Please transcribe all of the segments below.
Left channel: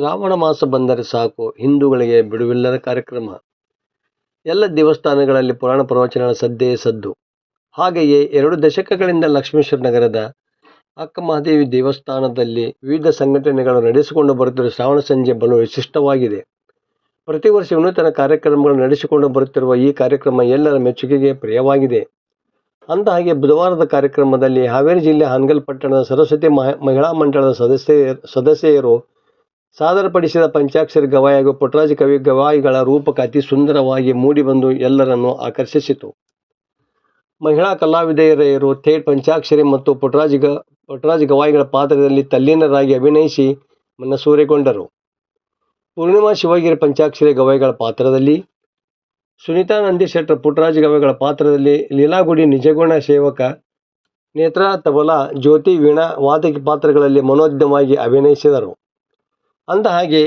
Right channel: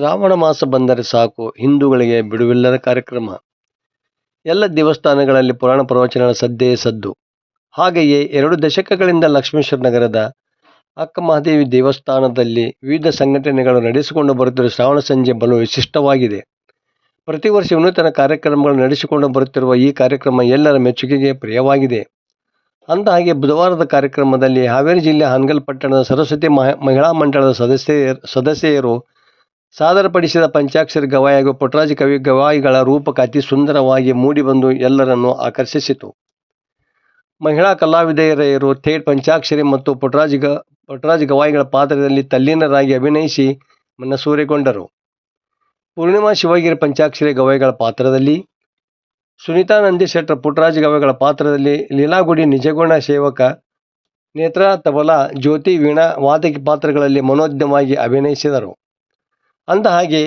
ಶ್ರಾವಣ ಮಾಸ ಬಂದರೆ ಸಾಕು ಹಿಂದೂಗಳಿಗೆ ಬಿಡುವಿಲ್ಲದ ಕಾರ್ಯಕ್ರಮ. ಎಲ್ಲ ದೇವಸ್ಥಾನಗಳಲ್ಲಿ ಪುರಾಣ ಪ್ರವಚನಗಳ ಸದ್ದೇ ಸದ್ದು. ಹಾಗೆಯೇ 2 ದಶಕಗಳಿಂದ ಲಕ್ಷ್ಮೇಶ್ವರ ನಗರದ ಅಕ್ಕಮಹಾದೇವಿ ದೇವಸ್ಥಾನದಲ್ಲಿ ವಿವಿಧ ಸಂಘಟನೆಗಳು ನಡೆಸಿಕೊಂಡು ಬರುತ್ತಿರುವ ಶ್ರಾವಣ ಸಂಜೆ ಬಲು ವಿಶಿಷ್ಟವಾಗಿದೆ. ಪ್ರತಿ ವರ್ಷ ವಿನೂತನ ಕಾರ್ಯಕ್ರಮಗಳು ನಡೆಸಿಕೊಂಡು ಬರುತ್ತಿರುವ ಈ ಕಾರ್ಯಕ್ರಮ ಎಲ್ಲರ ಮೆಚ್ಚುಗೆಗೆ ಪ್ರಿಯವಾಗಿದೆ. ಅಂದಹಾಗೆ ಬುಧವಾರದ ಕಾರ್ಯಕ್ರಮದಲ್ಲಿ ಹಾವೇರಿ ಜಿಲ್ಲೆ ಹಾನಗಲ್ ಪಟ್ಟಣದ ಸರಸ್ವತಿ ಮಹಿಳಾ ಮಂಡಳದ ಸದಸ್ಯರು ಸಾದರಪಡಿಸಿದ ಪಂಚಾಕ್ಷರಿ ಗವಾಯಿ ಹಾಗೂ ಪುಟ್ಟರಾಜ ಕವಿ ಗವಾಯಿಗಳ ರೂಪಕ ಅತಿ ಸುಂದರವಾಗಿ ಮೂಡಿಬಂದು ಎಲ್ಲರನ್ನೂ ಆಕರ್ಷಿಸಿತು. ಮಹಿಳಾ ಕಲಾವಿದೆಯರು ಥೇಟ್ ಪಂಚಾಕ್ಷರಿ ಮತ್ತು ಪುಟ್ಟರಾಜ ಗವಾಯಿಗಳ ಪಾತ್ರದಲ್ಲಿ ತಲ್ಲೀನರಾಗಿ ಅಭಿನಯಿಸಿ ಮನಸೂರೆಗೊಂಡರು. ಪೂರ್ಣಿಮಾ ಶಿವಗಿರಿ ಪಂಚಾಕ್ಷರಿ ಗವಾಯಿಗಳ ಪಾತ್ರದಲ್ಲಿ, ಸುನೀತಾ ನಂದಿಶೆಟ್ಟರ್ ಪುಟ್ಟರಾಜ ಗವಾಯಿಗಳ ಪಾತ್ರದಲ್ಲಿ, ಲೀಲಾಗುಡಿ ನಿಜಗುಣ ಸೇವಕ, ನೇತ್ರಾ ತಬಲಾ, ಜ್ಯೋತಿ ವೀಣಾ ವಾದಕಿ ಪಾತ್ರಗಳಲ್ಲಿ ಮನೋಜ್ಞವಾಗಿ ಅಭಿನಯಿಸಿದರು. ಅಂದಹಾಗೆ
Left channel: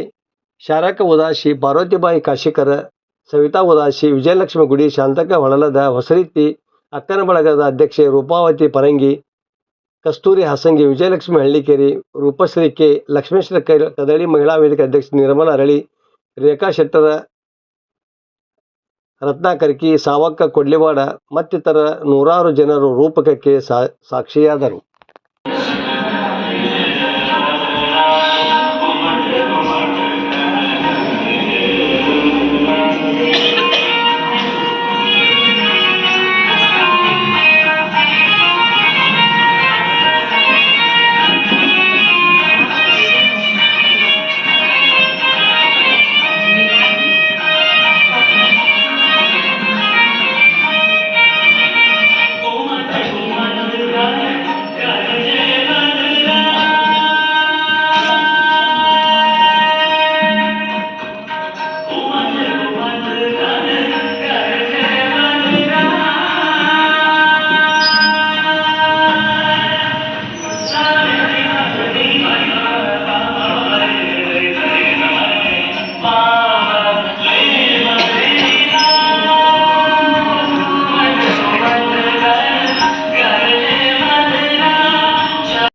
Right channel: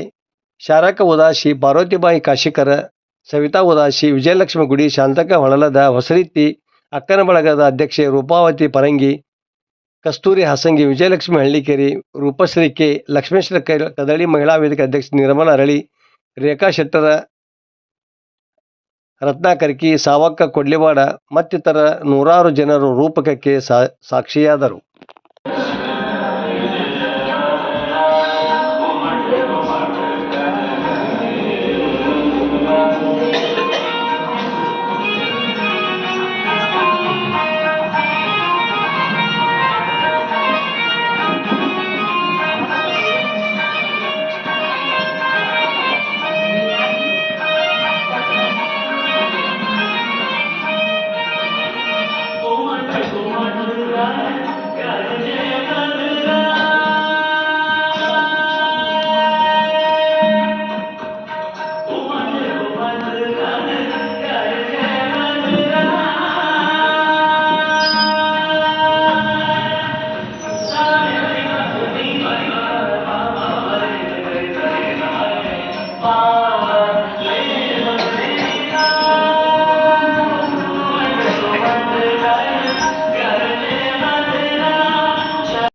ಶಾರಕ ಉದಾಸಿ, ಪಾರ್ವತಿಬಾಯಿ ಕಾಶಿಕರ, ಸವಿತಾ ಉದಾಸಿ, ವಿಜಯಲಕ್ಷ್ಮಿ ಗುಡಿ, ಶಾಂತಕ ಹೊಳಲದ, ಹೊಸರೀತಿ ಅಕ್ಕನ ಬಳಗದ ಅಧ್ಯಕ್ಷೆ ರೂಪಾವತಿ ಪರಂಗಿ, ಕಸ್ತೂರಿ ಹಾಸಂಗಿ, ವಿಜಯಲಕ್ಷ್ಮಿ ಹಳ್ಳಿಕೇರಿ, ರೂಪಶ್ರೀ ಕೆ, ಲಕ್ಷ್ಮೇಶ್ವರ ಕದಳಿ ಮಹಿಳಾ ವೇದಿಕೆ ಅಧ್ಯಕ್ಷೆ ನಿರ್ಮಲಾ ಅರಳಿ, ರೇಖಾ ಶೆಟ್ಟರ, ರತ್ನಾ ಕರ್ಕಿ, ಸಾವಕ್ಕ ಕೊಡ್ಲಿವಾಡ ಮತ್ತಿತರ ನೂರಾರು ಜನರು ರೂಪಕಕ್ಕೆ ಸಾಕ್ಷಿಯಾದರು.